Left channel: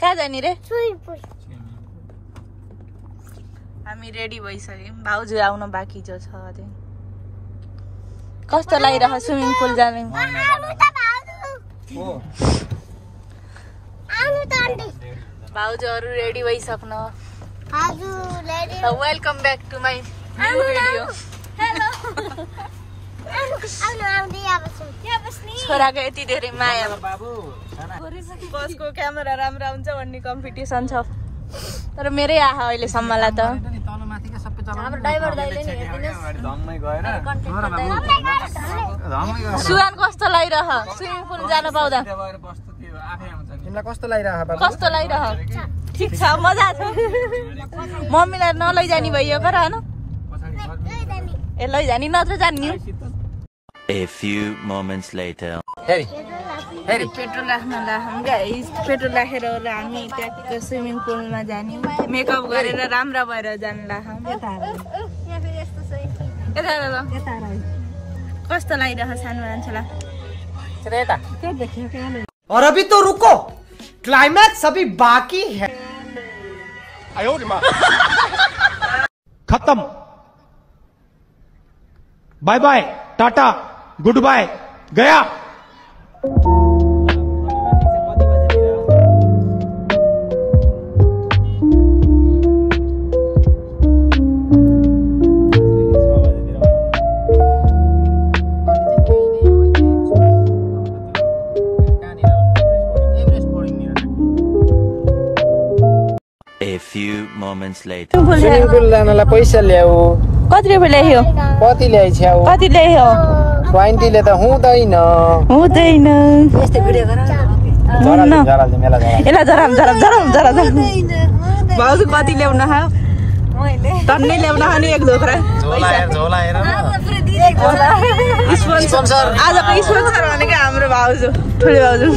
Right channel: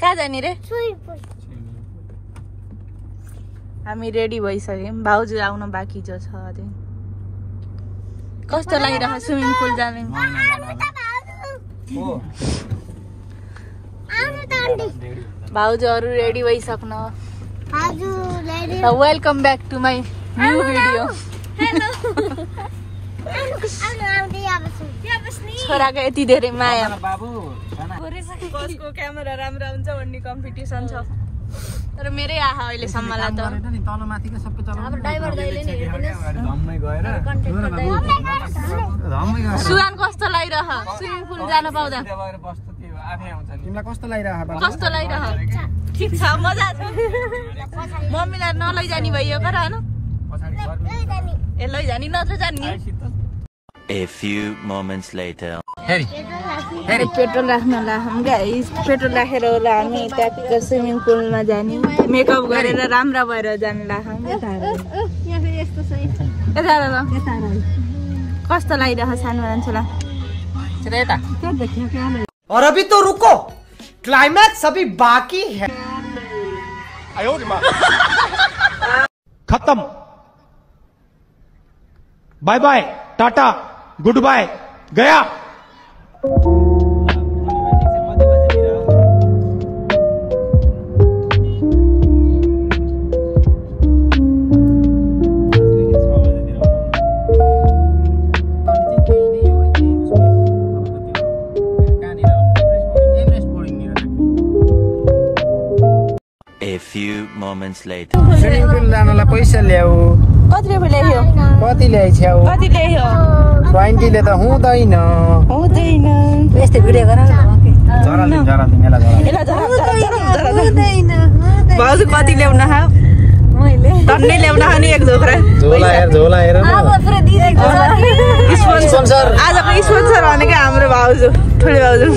कहाँ जाने रे? हामी रेडी भइसक्यौं। भाउजू आउन बाँकी छ अझै। कस्तो लागिरहेको स्विमिङ पुल जाने? भाउजूहरू रेडी भइसक्नु। Welcome back to my new video. छोराको यति धेरै माया। बसको क्यामेरा राम्रो हुन्छ भन्ने कम्पिटिसन छ, तर मेरै आहा अहिलेसम्मलाई त। सुहान कस्तो लागिरह स्विमिङ पुल जान पाउँदा? तिमीलाई कस्तो लागिरह? कस्तो लागिरह? ठिक छ, मजा छ। मम्मीलाई नलैजानी भइयो कर हैन? ए लैजानी नत्र जान्नी। A few moments later. अरे पेट्रोल राख्न लाखौँ गाइस। पेट्रोल राखेर होला हामी ट्याक्क स्विमिङ पुलमा जाने। मेकअप गरेर राम्रो भएर जान लाखौँ। कस्तो लागिरहेको सानो मान्छेलाई? और अभी तो रुको, क्लाइमैक्स अभी बाकी है। खत्म। Bye bye, tata, goodbye, गया। A few moments later. Swimming pool जानलाई पैसा ल्याऊ। कति रुपियाँ ल्यायो? कति ल्याइछ्याउ? कति ल्यायो? 20 ले त हुँदैन। हुँदैन। कति ल्याउन खाऊ? मैले ल्याउन खाने एक झोक्रा। झोला हेर न। स्पोन्सर। स्पोन्सर भनेको हाम्रो भाउजू, ठुलो भाउजू।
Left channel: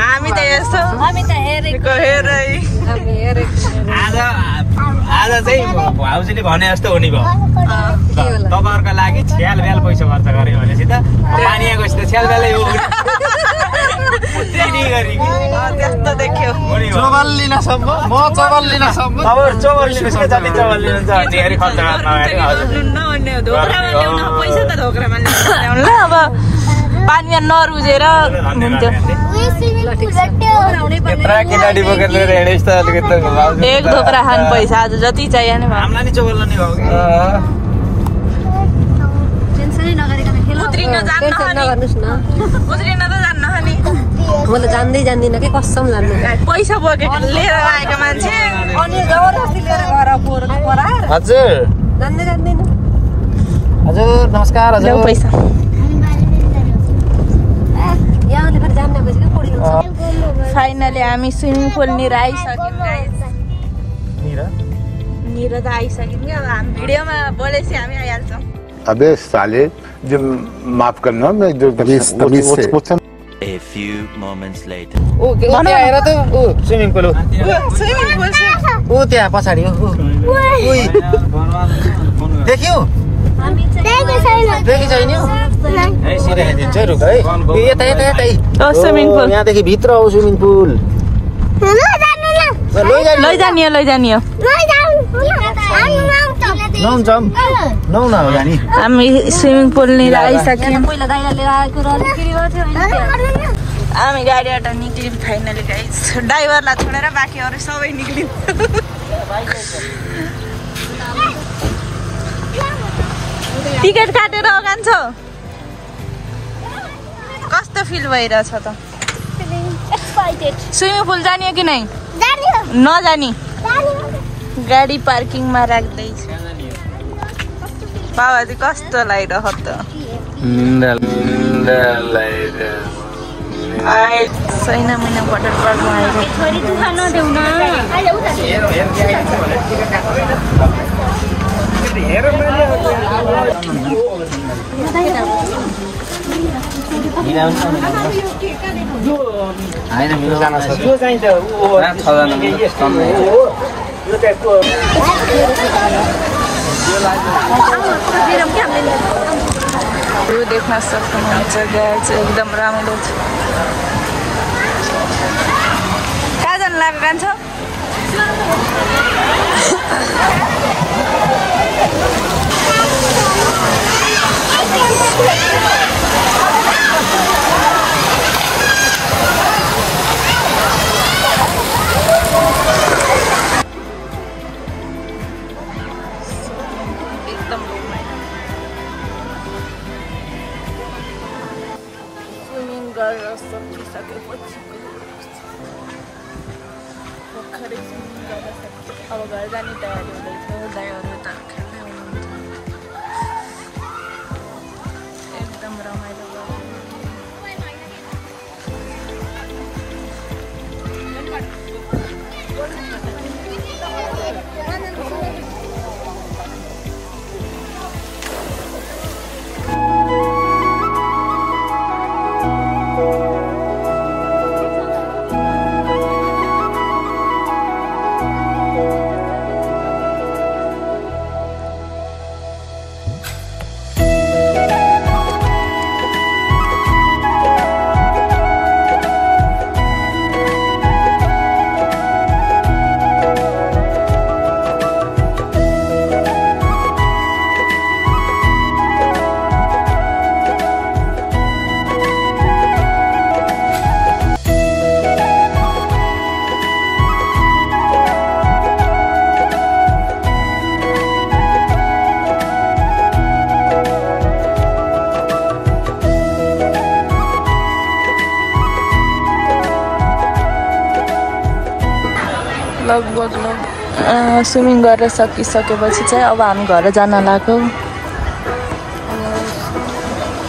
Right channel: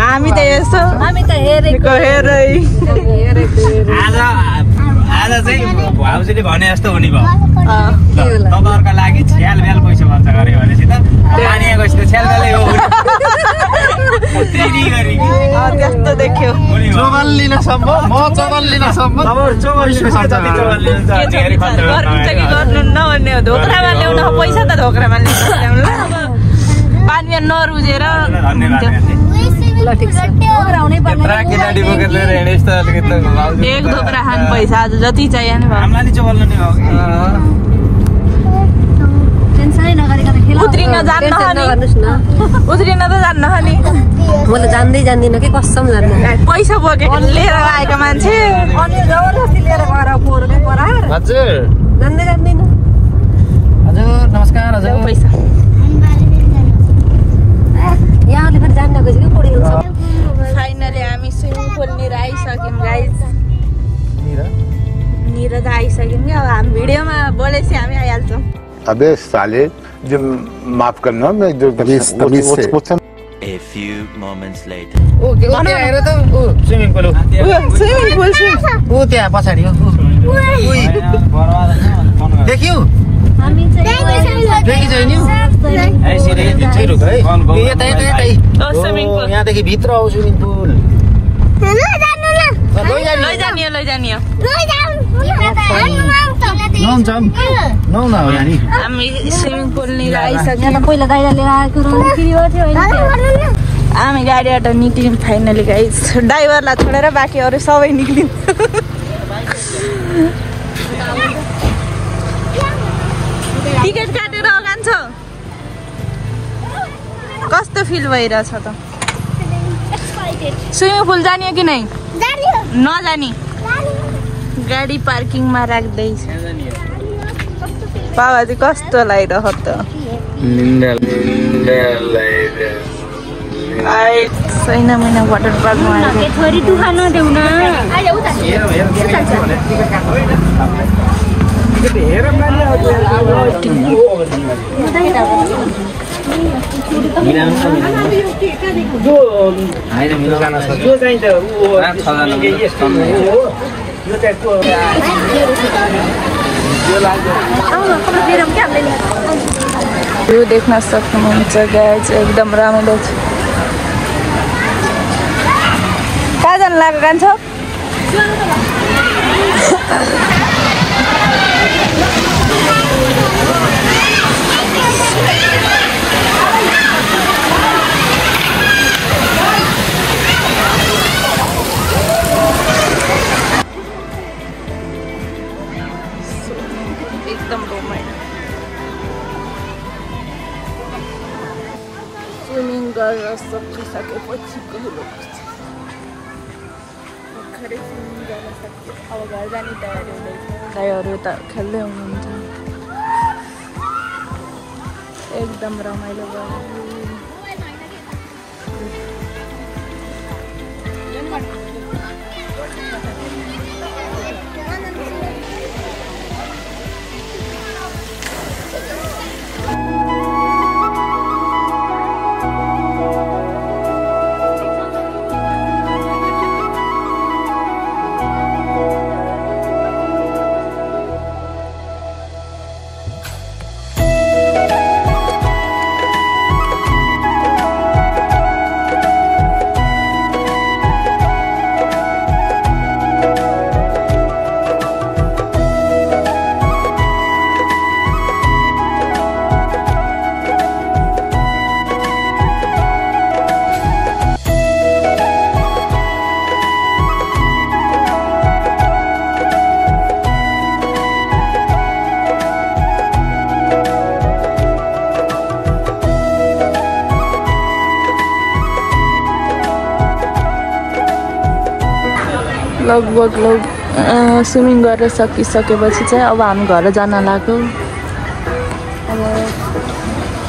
हामी त हेर्छौँ। हामी त हेरेको हेरै। आज चाहिँ भाउजूले भने जस्तो हो नि भाउ। तपाईँहरूको लागि छ्याल ब्याल पैसा खर्च गरे भनेपछि त पानी आएको त छ्याल ब्यालै हो। त्यस्तो देख्यो। चोबल लिन सम्भव, म चोबल लिन सम्भव। गर्नुहुन्न भन्ने हो। धोक्रामा ल्याउन पैसा त धोक्रामा ल्याउनु ल। अब पानीमा नरुजेर हुन्थ्यो। एक धोक्रा खानु पैसा आज जति चाहियो नि भयो। उत्रिन जान्न नि? उत्रिन त जान्न नि? म त जान्दिनँ के कसम लाग्नु। पैसा बोकेको लिएर आएका मान्छे जबरजस्ती लिएर गएर पराएर। हजुर जान्दिनँ। हजुर नमस्कार। हजुर पैसा फाइनली हामी स्विमिङ पुलनिर आइसक्यौँ गाइस। निर त आइसक्यौँ नि। अब हामी भिडियोमा बोलेपछि हामी आइहाल्छौँ। अबे साले, जो माफ करना मैं जो A few moments later. हेर त स्विमिङ पुल। स्विमिङ पुल छ ऊ त्यहाँ पछाडि हो। देख्यौ? देखि छैन? स्विमिङ पुल यहाँदेखि भित्र हो स्विमिङ पुल। लैजानियो। हामी स्विमिङ पुलनिर आइसक्यौँ। पहिला दाइला लिएर आएको हामी गाडीबाट निक्ल्यौँ फाइनली गाइस। ड्राइभरलाई छोडेर बाँकी अरू सबै निक्ल्यौँ। टिकट काटेर जान्छौ? कस्तो फिल भइरहेछ त? स्विमिङ पुल जाने कि नै? नजाने? गाडी पार्किङमा राख्दैछ। बाबाजी कस्तो लागिरह त? छैन महिना वाटर पार्कमा आएको। भ्यू देख्न सक्नुहुन्छ गाइज एकदम रमाइलो छ कहाँ जानु लाग्यो कान्छो एकदम रमाइलो स्विमिङ गरेर सकिसकेपछि भर्खरै स्विमिङ गर्न सक्छ अब घर जाने तयारी हुँदैछ दाइहरू त खेल्दै हुनुहुन्छ एकदम रमाइलो भयो लगभग स्विमिङ गरेर सकिसकेपछि चाहिँ अब हामी घर जान लाग्यो अब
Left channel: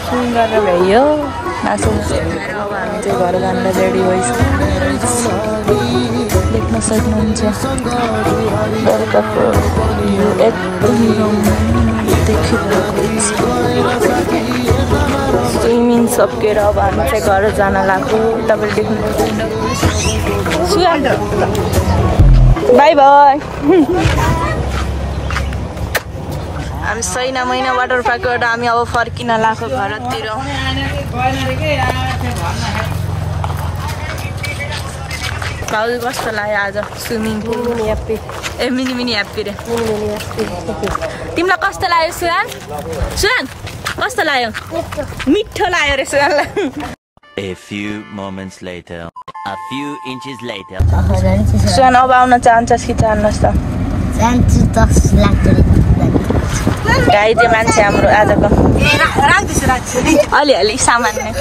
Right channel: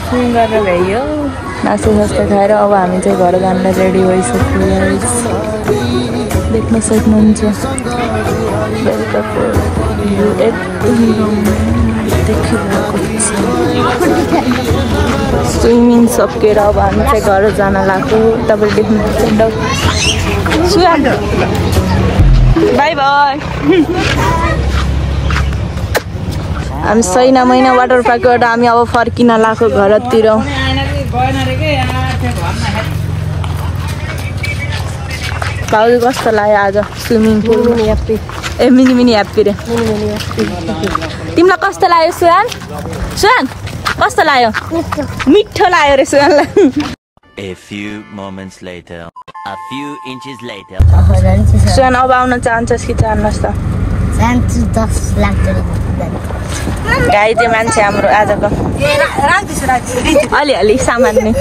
स्विमिङ गरेर भ्याइयो नास्ता खाएर अब हामी चाहिँ घर देख्न सक्नुहुन्छ बेलुकाको स्विमिङ सकेर अब हामी चाहिँ घर जान लाग्यो तपाईँले देख्नुहुन्छ बाई बाई हामी सैना महिना वाटर पार्कबाट हामी अब फर्किन लाग्यो घरतिर भाउजू कस्तो लाग्यो आज स्विमिङ पुल ए मिनी मिनी ह्याप्पी रे तिमीलाई कस्तो लाग्यो सुहान सुहान कस्तो लाग्यो मिठो लाग्यो रे सुहानलाई A few moments later. A few inches later. सुहान अब आउन चाहन्छस् कि चाहनुहोस् त गाई चाहिँ मान्छे हाम्रो आजको अलिअलि सामान्य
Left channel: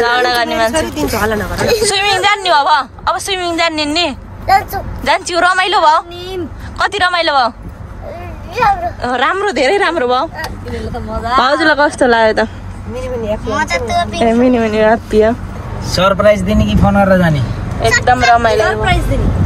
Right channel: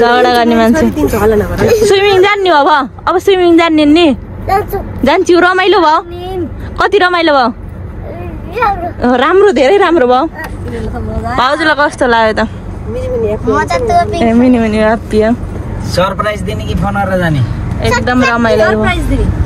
झगडा गर्ने मान्छे स्विमिङ जान्ने हो अब स्विमिङ जान्ने नि जान्छु रमाइलो भयो कति रमाइलो भयो राम्रो धेरै राम्रो भयो हजुरलाई कस्तो लाग्यो त सरप्राइज दिने कि फोन गरेर जाने एकदम रमाइलो भयो